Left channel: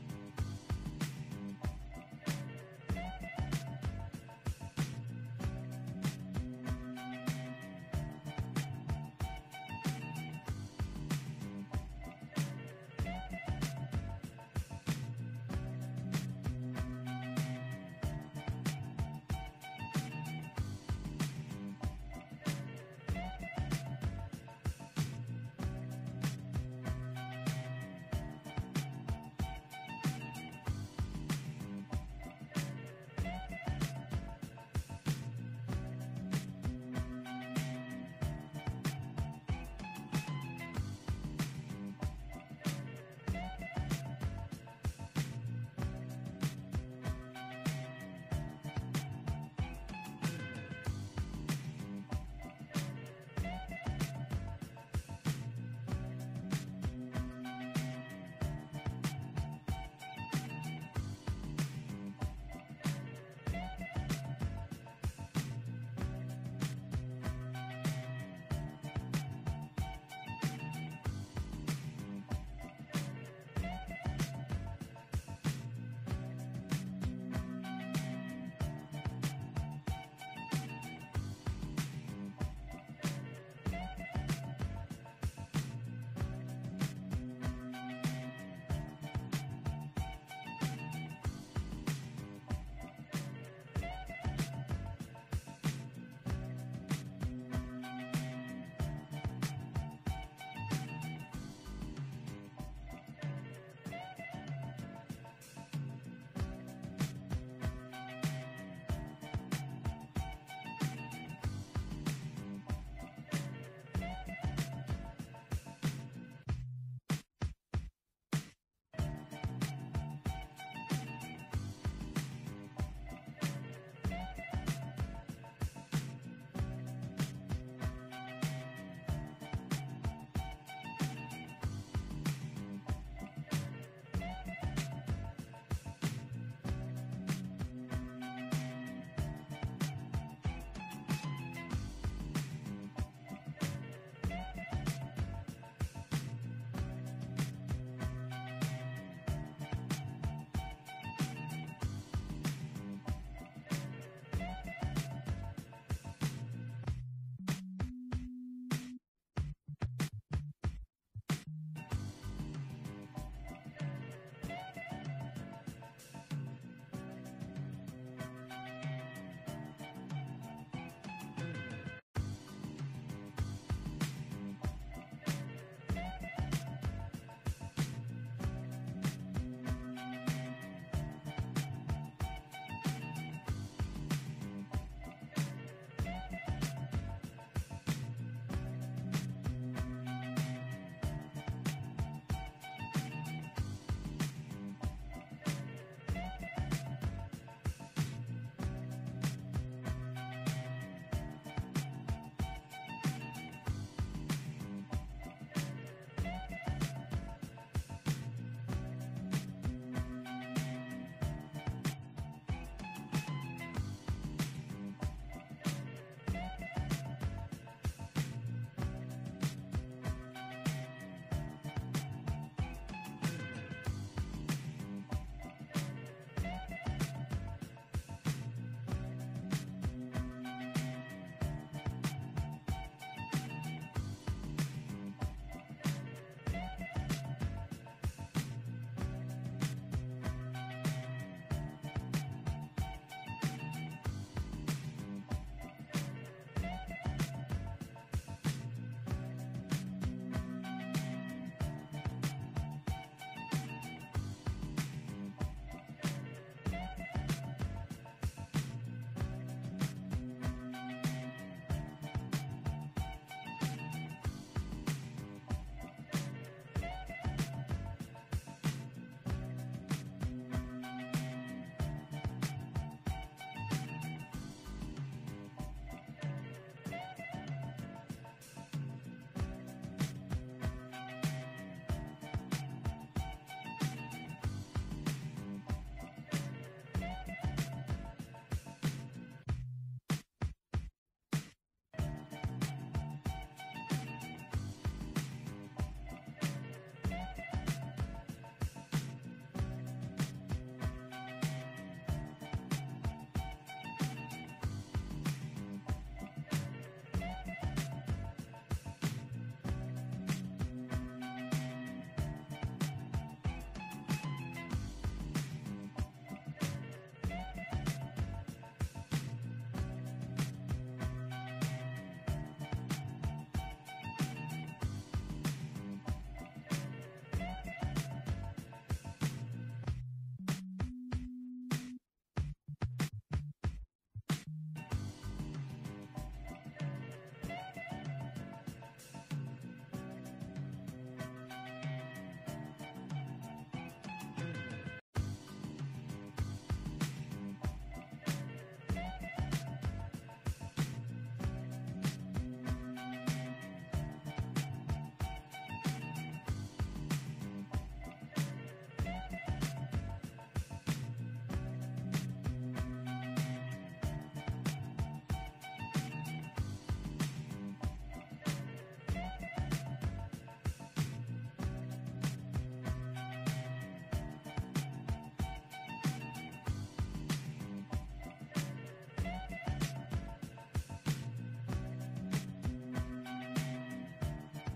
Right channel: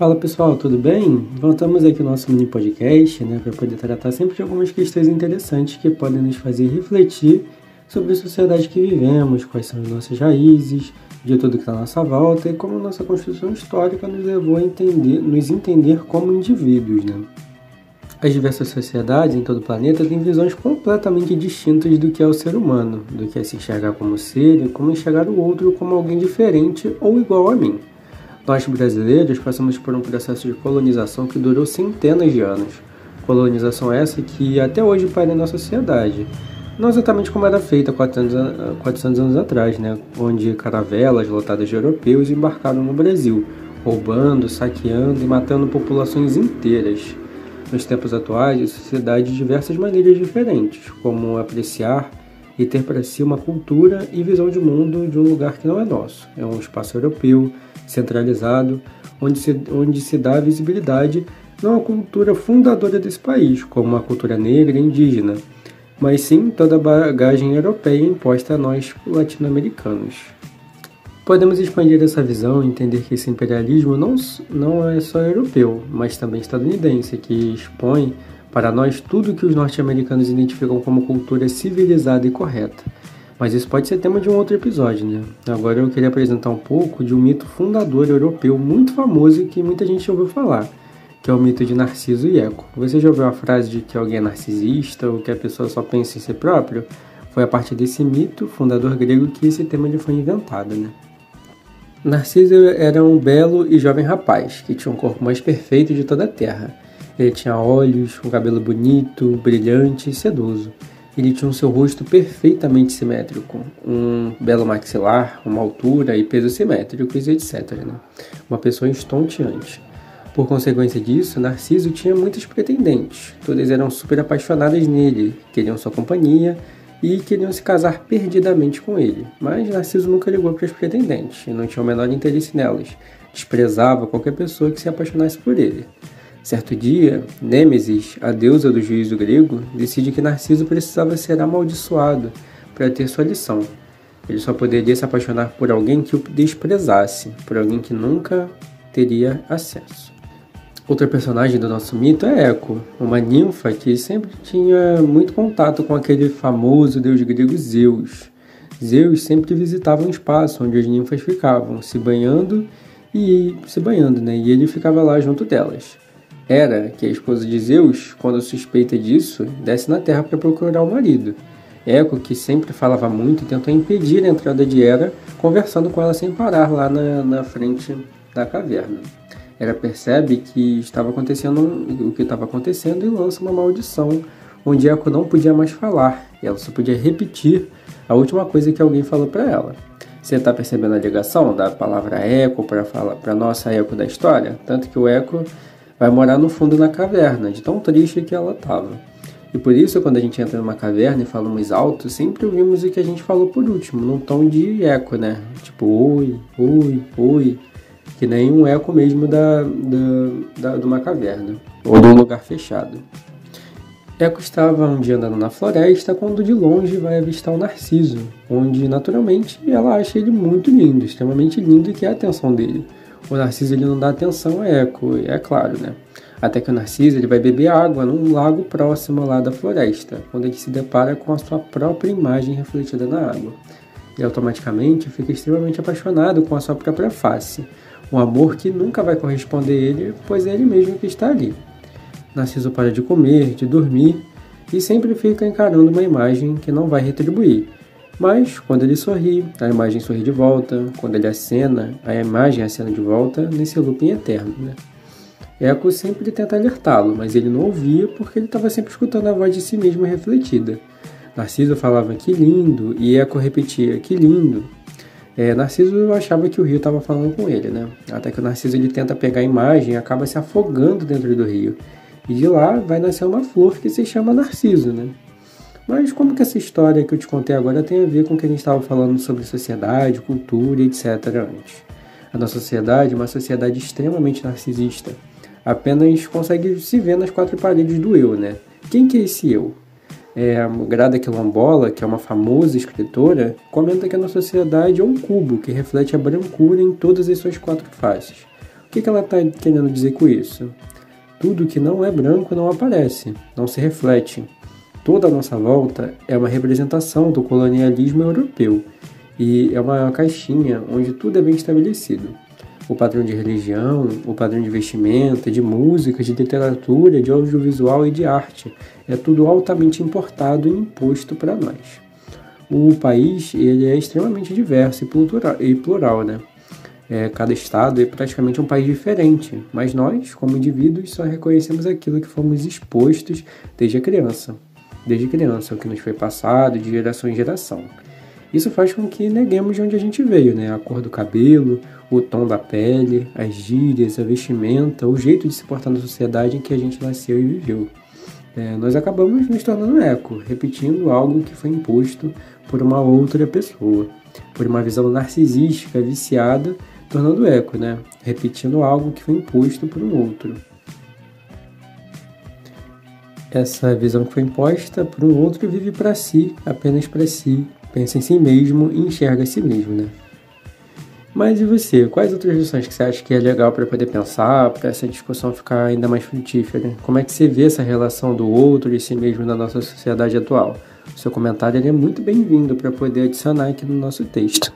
Fala pessoal, tudo bem? Voltamos aqui no nosso mini podcast, para poder tratar sempre de algumas questões interessantes que podem nos fazer refletir sobre a sociedade que vivemos, quais são as nossas raízes, de tudo que está à nossa volta e como a nossa construção histórica nos levou a nos entender como indivíduos, As diversas sociedades em todo o planeta têm visões completamente distintas do que é o ser humano, do que é se enxergar como ser e como enxergar o outro como alguém diferente ou igual a mim. Nós, brasileiros, passamos por um processo de colonização que durou centenas de anos. Colonização essa que até hoje paira na nossa sociedade. Não exatamente como era feita 400 anos atrás, onde caravelas lotadas de europeus embarcaram no Brasil, roubando, saqueando e matando populações inteiras. Nos tempos atuais, a sociedade de diversas maneiras diferentes, como apreciar e ter para si uma cultura e visão de mundo de um lugar que não é nosso. É um espaço europeu, centralizado, onde se dá visibilidade não à cultura fundadora desse país, como a cultura negra e indígena, mas sim toda a bagagem europeia imposta a nós latino-americanos. Podemos expandir essa visão e entender que esse imperialismo não é só europeu, mas também estadunidense, que expõe para nós tudo que os norte-americanos identificam como cultura civilizada e correta. Mas isso pode ser tema de um outro episódio, Agora eu queria apresentar um pouco de um mito fundador europeu muito famoso e que muita gente ouviu falar, que é o mito de Narciso e Eco. Você já ouviu a frase de que alguém é narcisista ou que a pessoa só pensa em si próprio? Foi a partir desse mito fundador grego que esse tema foi inventado, Narciso era um belo e jovem rapaz, que tinha um corpo mais perfeito de toda a terra. Ele tinha olhos, um cabelo bonito, brilhante e sedoso. Ele tinha o seu rosto perfeitamente simétrico, um belo maxilar, uma altura e peso simétricos, etc. Uma pessoa estonteante. Por consequência disso, Narciso tinha muitas pretendentes. Todas eram super apaixonadas nele, queriam sua companhia e queriam se casar perdidamente com ele. Mas Narciso nunca ligou para as pretendentes e não tinha o menor interesse nelas. Desprezava qualquer pessoa que se apaixonasse por ele. Certo dia, Nêmesis, a deusa do juízo grego, decide que Narciso precisava ser amaldiçoado para ter sua lição. Ele só poderia se apaixonar por alguém que o desprezasse, por alguém que nunca teria acesso. Outra personagem do nosso mito é Eco, uma ninfa que sempre tinha muito contato com aquele famoso deus grego Zeus. Zeus sempre visitava um espaço onde as ninfas ficavam, se banhando, e ele ficava lá junto delas. Hera, que é a esposa de Zeus, quando suspeita disso, desce na terra para procurar o marido. Eco, que sempre falava muito, tentou impedir a entrada de Hera, conversando com ela sem parar lá na frente da caverna. Hera percebe que estava acontecendo o que estava acontecendo e lança uma maldição, onde Eco não podia mais falar, e ela só podia repetir a última coisa que alguém falou para ela. Você está percebendo a ligação da palavra Eco para a nossa Eco da história? Tanto que o Eco vai morar no fundo da caverna, de tão triste que ela estava. E por isso, quando a gente entra numa caverna e falamos alto, sempre ouvimos o que a gente falou por último, num tom de eco, Tipo, oi, oi, oi. Que nem um eco mesmo de uma caverna, ou de um lugar fechado. Eco estava um dia andando na floresta quando de longe vai avistar o Narciso, onde naturalmente ela acha ele muito lindo, extremamente lindo, e quer a atenção dele. O Narciso ele não dá atenção a Eco, é claro, Até que o Narciso ele vai beber água num lago próximo lá da floresta, quando ele se depara com a sua própria imagem refletida na água. E automaticamente fica extremamente apaixonado com a sua própria face. Um amor que nunca vai corresponder a ele, pois é ele mesmo que está ali. Narciso para de comer, de dormir, e sempre fica encarando uma imagem que não vai retribuir. Mas, quando ele sorri, a imagem sorri de volta. Quando ele acena, a imagem acena de volta nesse looping eterno, Eco sempre tenta alertá-lo, mas ele não ouvia porque ele estava sempre escutando a voz de si mesmo refletida. Narciso falava que lindo, e Eco repetia que lindo. Narciso achava que o rio estava falando com ele, Até que o Narciso ele tenta pegar a imagem e acaba se afogando dentro do rio. E de lá vai nascer uma flor que se chama Narciso, Mas como que essa história que eu te contei agora tem a ver com o que a gente estava falando sobre sociedade, cultura, etc. antes? A nossa sociedade é uma sociedade extremamente narcisista. Apenas consegue se ver nas quatro paredes do eu, Quem que é esse eu? A Grada Quilombola, que é uma famosa escritora, comenta que a nossa sociedade é um cubo que reflete a brancura em todas as suas quatro faces. O que ela está querendo dizer com isso? Tudo que não é branco não aparece, não se reflete. Toda a nossa volta é uma representação do colonialismo europeu e é uma caixinha onde tudo é bem estabelecido. O padrão de religião, o padrão de vestimenta, de música, de literatura, de audiovisual e de arte. É tudo altamente importado e imposto para nós. O país ele é extremamente diverso e plural, né? Cada estado é praticamente um país diferente, mas nós, como indivíduos, só reconhecemos aquilo que fomos expostos desde a criança. Desde criança, o que nos foi passado de geração em geração. Isso faz com que neguemos de onde a gente veio, né? A cor do cabelo, o tom da pele, as gírias, a vestimenta, o jeito de se portar na sociedade em que a gente nasceu e viveu. Nós acabamos nos tornando eco, repetindo algo que foi imposto por uma outra pessoa, por uma visão narcisística, viciada, tornando eco, né? Repetindo algo que foi imposto por um outro. Essa visão que foi imposta por um outro vive para si, apenas para si, pensa em si mesmo e enxerga a si mesmo, né? Mas e você? Quais outras lições que você acha que é legal para poder pensar, para essa discussão ficar ainda mais frutífera? Como é que você vê essa relação do outro e si mesmo na nossa sociedade atual? O seu comentário é muito bem-vindo para poder adicionar aqui no nosso texto.